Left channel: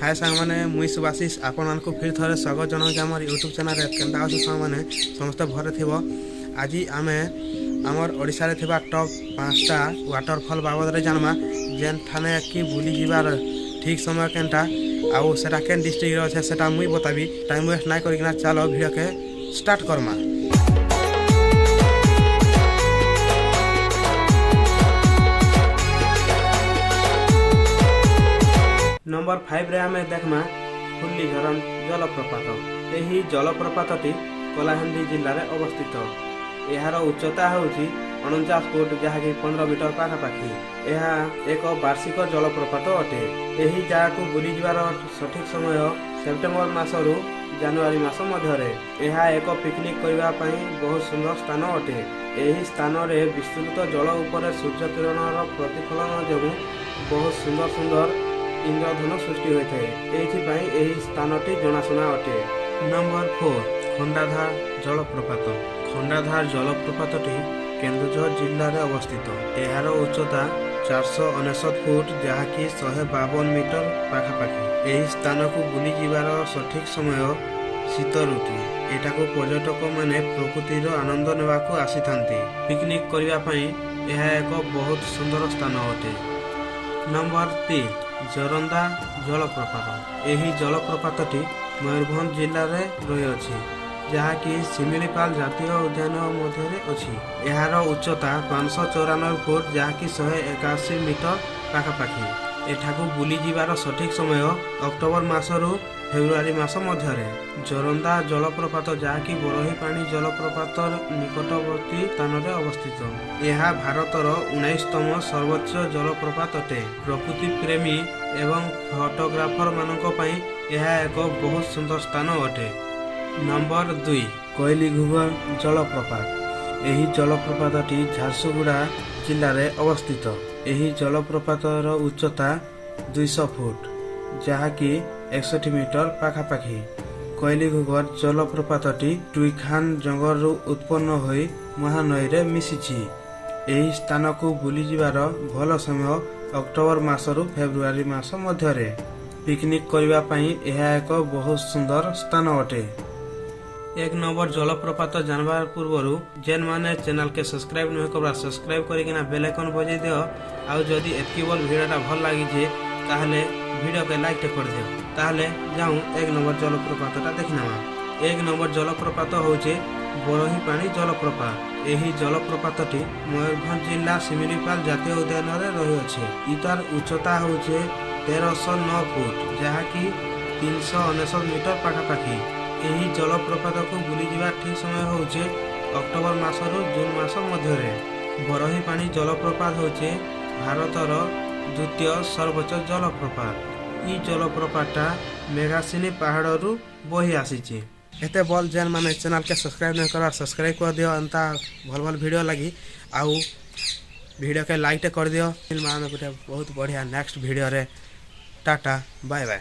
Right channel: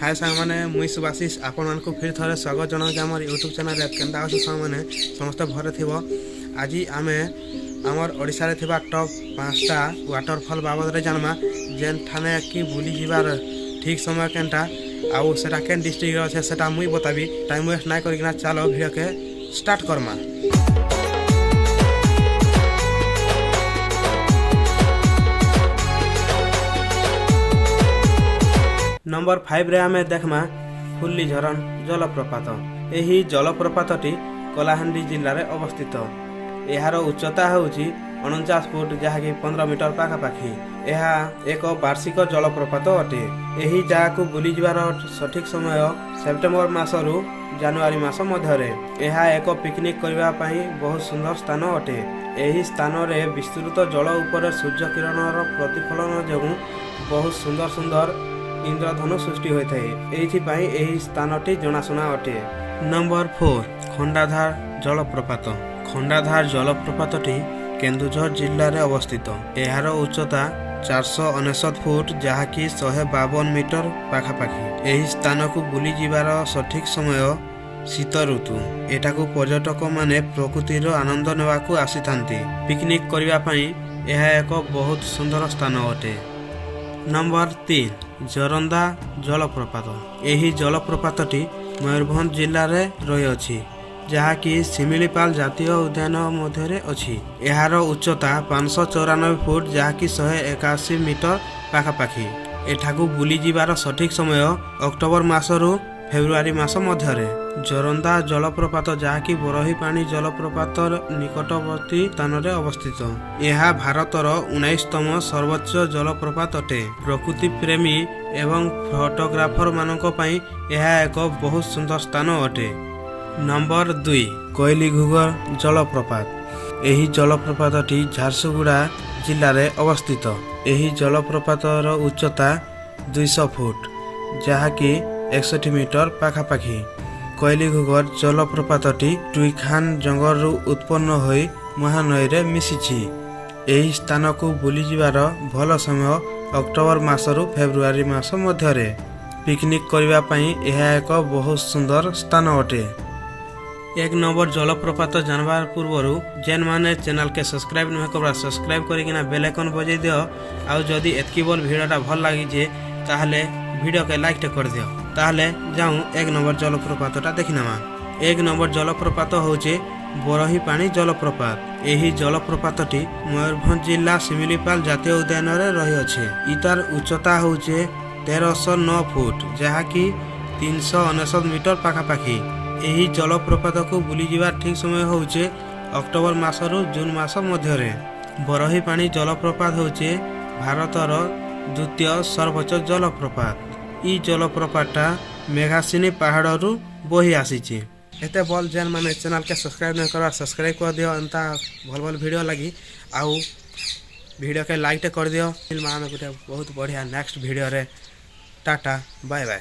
हाय सांग मैंने मुई सुभाषिष आपण मानक फिर थे स्वागत जनाऊँ आम यूट्यूब चैनल केन्ता अच्छे सांग मैंने समस्त भरे थी। आज आम आमर ओडिशा रे टॉप 5टा वाटरफॉल बाबद रे जानमा जेन ठाने कि बुली जीवार ठीक समय केनटा आउ सेटा केन डिस्ट्रिक्ट रे अच्छे सेटा मुई बताबी। टाइम वेस्ट ना करकिना चलो वीडियो के स्टार्ट करमा। नंबर 5 रे आमे देखमा फुल्ली झरण जलप्रपात। यही जलप्रपातटी कलाहांडी जिले में अवस्थित। यार उच्चता होउची 49 फुट जहाँकि 15 मीटर पाखापाखि। यह एक वार्षिक जलप्रपात अटे। यही जगह को बुली जीवार सठिक समय सेप्टेम्बर मासरू जनवरी मास मध्य। यह एक पिकनिक करने बहुत सुंदर स्थान अटे। यही स्थान रे विस्तृत जल उपर सूर्य किरण प्रतिफलन जो बहुत सुंदर सुंदर इंद्रधनु सृष्टि होता है। यही स्थानटी जनाशुना अटे। नंबर 4 खंडाधार जलप्रपात। खंडाधार जलप्रपातटी केन्दुझर जिले में अवस्थित। यार उच्चता 469 फुट जहाँकि 152 मीटर पाखापाखि। यही स्थान को बुली जीवार सठिक समय शीत ऋतु। एटा को पर्यटक माने प्रकृतिर आनंद नेवाकू आसी थांती। पिकनिक करने यह एक बहुत सुंदर स्थान अटे। नंबर 3 जोरंदा जलप्रपात। यही जलप्रपातटी मयूरभंज जिले में रही जहाँकि शिमिलीपाल जातीय उद्यान मध्य अच्छी। यार उच्चता 594 फुट जहाँकि 181 मीटर पाखापाखि। एठाकू बुली जीवार सठिक समय अक्टोबर मासरू फेब्रुआरी मास मध्य। जोरंदा जलप्रपात जहाँकि बरही पानी जलप्रपात निकटवर्ती स्थान में अवस्थित। यह भारतर 19तम सर्वोच्च जलप्रपात अटे। प्रकृति प्रेमी एवं फोटोग्राफर मानक पई यह एक बहुत सुंदर स्थान अटे। नंबर 2 कोइलीघुगर जलप्रपात। यही जलप्रपातटी झारसुगुड़ा जिले में अवस्थित। यही जलप्रपातर उच्चता 200 फुट जहाँकि 61 मीटर पाखापाखि। कोइलीघुगर जलप्रपातटी टुईखान जंगल उत्पन्न होई महानई रे मिशिछि। यही स्थान को बुली जीवार भल समय अक्टोबर मासरू फेब्रुआरी मास मध्य। पिकनिक करने यह एक बहुत सुंदर स्थान अटे। 1 नंबर जलप्रपात जानवर पूर्व जेन माने चैनल के सब्सक्राइब नहीं करबा सब्सक्राइब करके बेल आइकन बजाई दियो। आउ जदि एतकी बोल वीडियोटा भल लगी जे ताहले वीडियो के लाइक कर दियो। ताहले जाऊँ 1 नंबर जलप्रपातटा देखिनमा। 1 नंबर जलप्रपात होचे बरही पानी जलप्रपात। यही जलप्रपातटी मयूरभंज जिला शिमिलीपाल जातीय उद्यान रही अच्छे। इतार उच्चता होचे 1309 फुट जहाँकि 369 मीटर पाखापाखि। यही जलप्रपात को बुली जीवार ठीक समय होचे अक्टोबर मासरू जून मास मध्य। बरही पानी जलप्रपात होचे भारतर द्वितीय सर्वोच्च जलप्रपात। ई जलप्रपातटा मेघासिनी पहाड़ू बही आसी। एते बोल जेन माने चैनल के सब्सक्राइब नहीं करवा सब्सक्राइब कर दियो। अंता भल भल वीडियो लगी आउ वीडियो के लाइक कर दियो। फिल्म आमे गोटे बहुत बढ़िया नेक्स्ट वीडियो रे। Tata bye bye.